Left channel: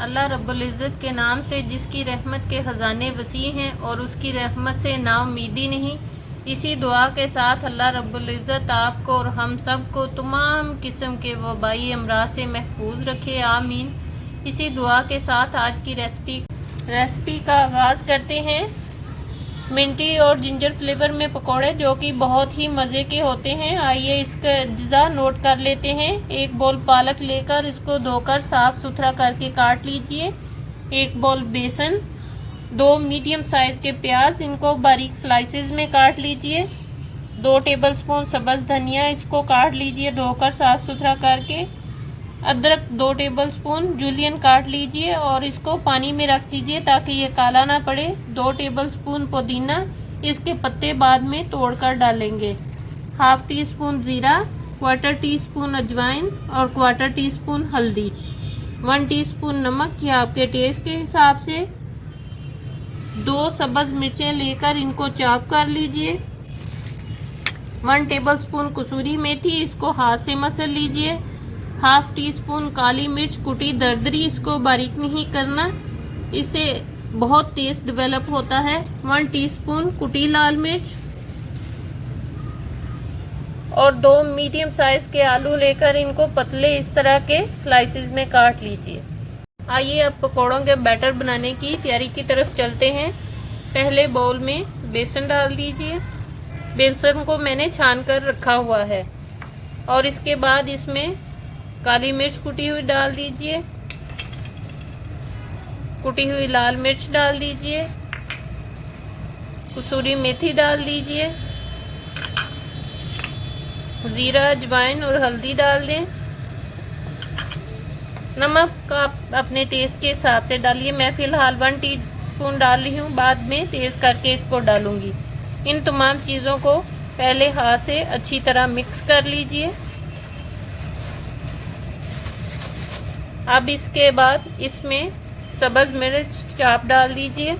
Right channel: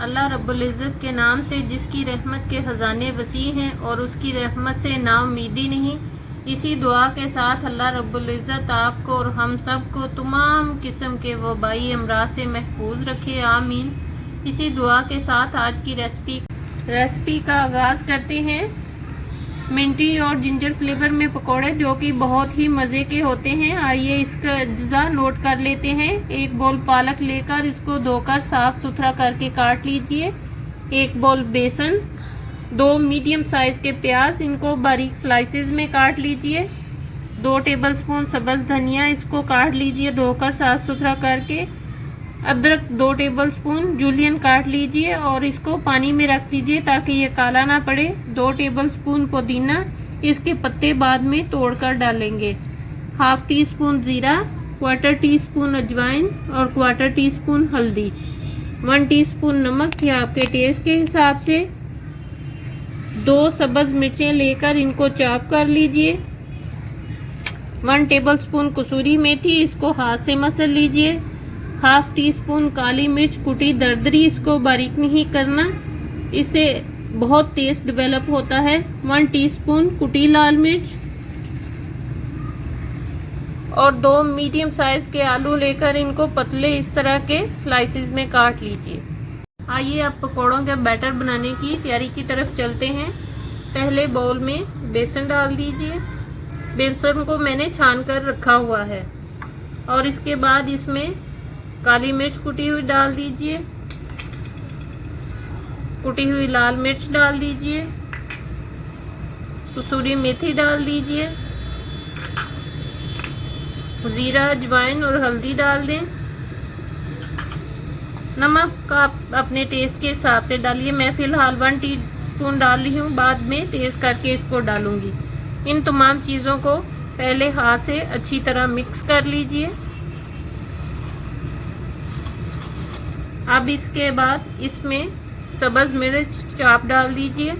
अल्लाह रब्बुल इज़्ज़त के नाम से जिसकी रहमत के ख़जाने वसी हैं और उसकी रहमत से नाउम्मीदी नहीं। इसी दुआ के साथ अल्लाह रब्बुल इज़्ज़त आपको और हम सब को तमाम किस्म के वबाई अमराज से महफूज रखे, आमीन। इसी दुआ के साथ आज की रेसिपी का आगाज़ करते हैं। मिंटी और जिंजर फ्लेवर में पकोड़े जो कि बहुत ही मज़े के होते हैं। आइए इसका अज्जा नोट कर लेते हैं। एक बोल पालक लेकर इसको धोकर साफ़ सुथरा करके काट लीजिए। एक बोल बेसन, 2 मीडियम साइज़ के प्याज, इनको बारीक स्लाइसेस में काट लीजिए। 2 टेबलस्पून सब्ज़ धनिया, इसको काट लीजिए धोकर साफ़ सुथरा करके। अदरक 2 टेबलस्पून जूलियन काट लीजिए और इसको पानी में रख दीजिए ताकि ये काला ना पड़े। 2 टेबलस्पून पुदीना, इसके पत्ते बाद में तोड़कर डालेंगे। हाफ टी स्पून ज़ीरा, 1/4 टीस्पून अजवाइन और 1/4 टीस्पून हल्दी, 1 टीस्पून नमक या आपके टेस्ट के हिसाब से। 2 सब्ज़ मिर्चें लेकर इनको चॉप कर लीजिए। 1 टेबलस्पून कसूरी मेथी, इसको हाथ से मसल लीजिए। हाफ टी स्पून काली मिर्च कुटी दरदरी, इसको बारीक नहीं करना, इससे बहुत टेस्ट डेवलप होता है। 1 टीस्पून कुटी लाल मिर्च और 2 मीडियम साइज के आलू लेकर इनको पतले इस तरह के स्लाइसेस में काट लीजिए। आइए अब पकौड़ों के बैटर बनाने की तैयारी की तरफ चलते हैं। पहले बाउल में बेसन डाल दीजिए। बेसन को मैंने छान कर रखा हुआ है और इसके बाद इसमें काली मिर्च कुटी हुई डाल दीजिए। कुटी हुई लाल मिर्च डाल दीजिए। कसूरी मेथी डाल दीजिए। जीरा, अजवाइन और हल्दी डाल दें। नमक का आप अपने टेस्ट के हिसाब से डालिए। मैं फ़िलहाल 1 टीस्पून डाल रही हूँ, बाद में टेस्ट करके इसको डालूंगी। इन तमाम चीज़ों को पहले हाथ से अच्छी तरह मिक्स कर लीजिए। अब इसके बाद इसमें सब्ज़ मिर्च चाप डाल दीजिए।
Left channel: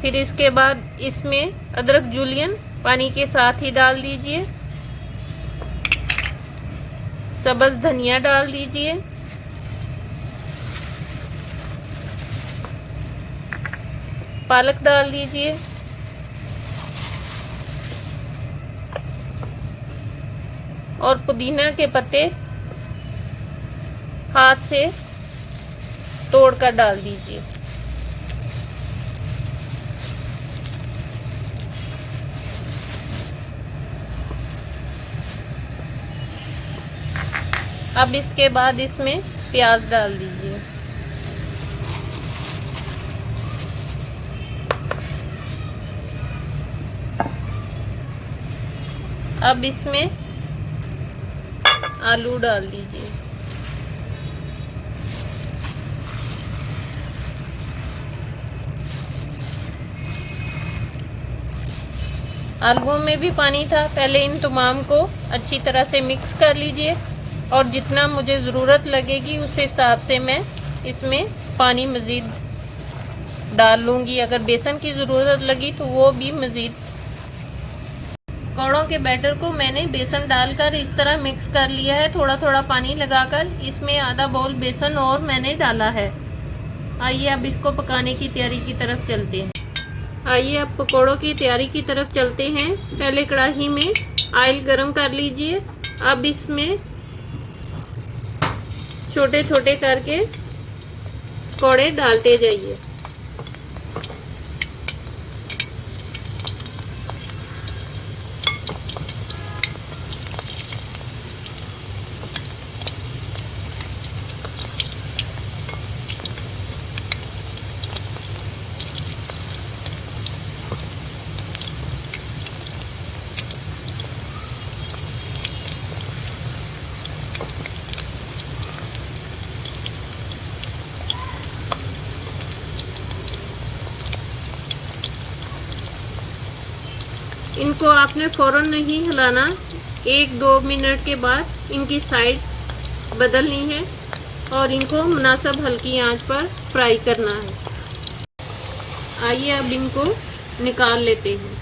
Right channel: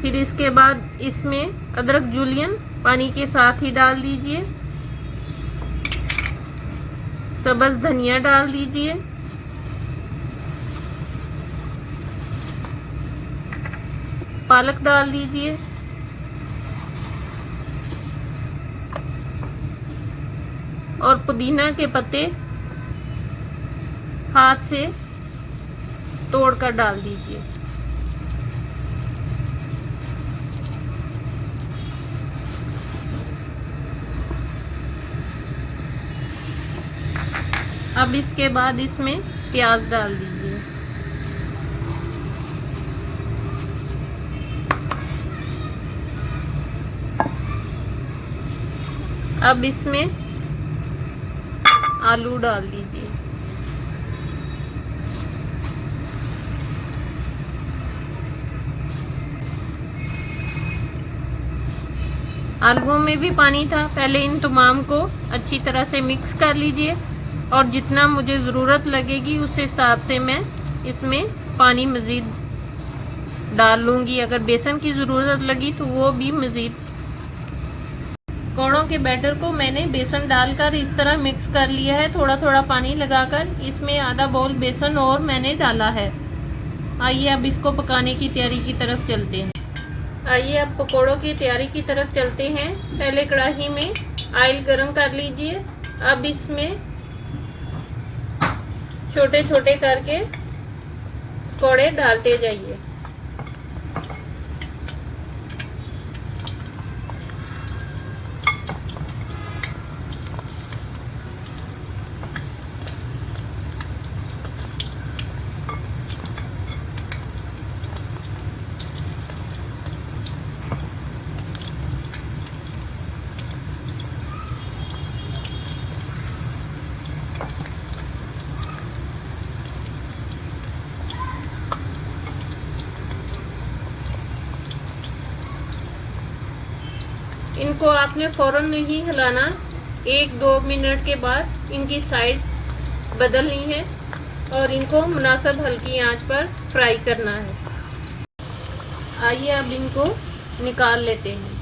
फिर इसके बाद इसमें अदरक जूलियन पानी के साथ ही डाल दीजिए। सब्ज़ धनिया डाल दीजिए। पालक डाल दीजिए। और पुदीना के पत्ते हाथ से तोड़कर डाल दीजिए। अब इसके बाद इसमें प्याज डाल दीजिए। अब इसमें आलू डाल दीजिए। आलूओं में भी पानी था, पहले इन तमाम को अच्छी तरह से मिक्स कर लीजिए और जितना मुझे ज़रूरत लगेगी उस हिसाब से मैं इसमें पानी मज़ीद डाल लूँगी। अगर बेसन की ज़रूरत लगी तो वो भी मज़ीद। पकौड़ों के बैटर को मैंने बेसन डालकर इस तरह मिक्स कर लिया है, थोड़ा थोड़ा पानी लगाकर। इसमें आधा बाउल बेसन और मैंने डाला है। आइए अब इसको पकाने की तैयारी की तरफ चलते हैं। आइए अब पकौड़ों की तैयारी की तरफ चलते हैं। पहले कढ़ाई में ऑयल गरम कर लीजिए। अब इसमें छोटे छोटे करके पकौड़े डालते जाइए। इनको आपने फ़ौरन नहीं हिलाना, 1-2 मिनट के बाद इनकी साइड बदलनी है और इनको मुनासिब हल्की आंच पर फ्राई करना है। आइए अब इनको निकाल लेते हैं।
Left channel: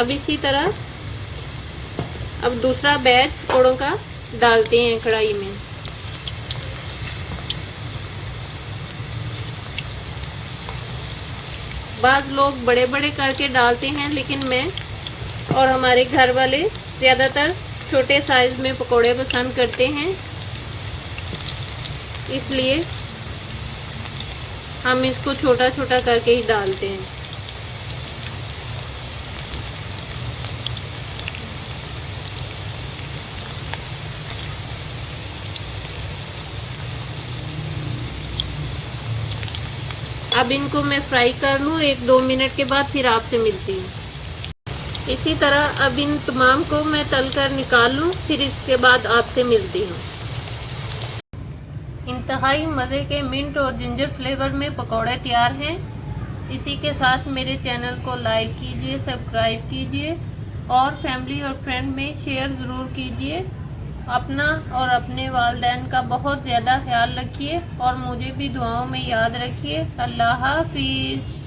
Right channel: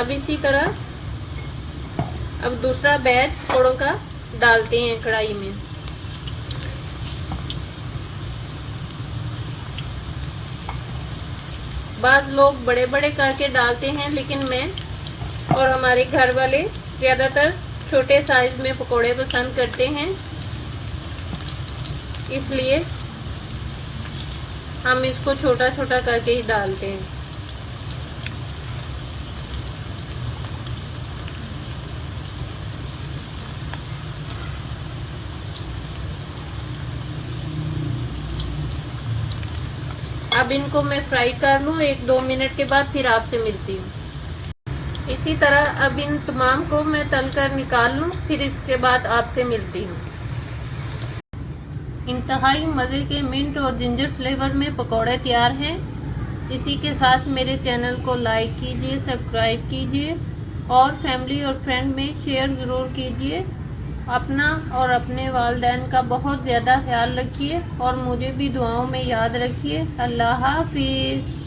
अब इसी तरह अब दूसरा बैच पकौड़ों का डालते हैं कढ़ाई में। बाज़ लोग बड़े बड़े करके डालते हैं, लेकिन मैं और हमारे घर वाले ज़्यादातर छोटे साइज़ में पकौड़े पसंद करते हैं, इसलिए हम इसको छोटा छोटा करके ही डालते हैं। अब इनको मैं फ्राई कर लूँ, 1-2 मिनट के बाद फिर आपसे मिलती हूँ। इसी तरह अब इन तमाम को मैं तल कर निकाल लूँ, फिर इसके बाद आपसे मिलती हूँ। इंतहाई मज़े के मिंट और जिंजर फ्लेवर में पकौड़े तैयार हैं। इसी के साथ मेरे चैनल को लाइक कीजिए, सब्सक्राइब कीजिए और फैमिली और फ्रेंड में शेयर ज़रूर कीजिए। अपना और अपने वालिदैन का बहुत ज़्यादा ख्याल रखिए और मुझे भी दुआओं में याद रखिए। अल्लाह हाफिज़।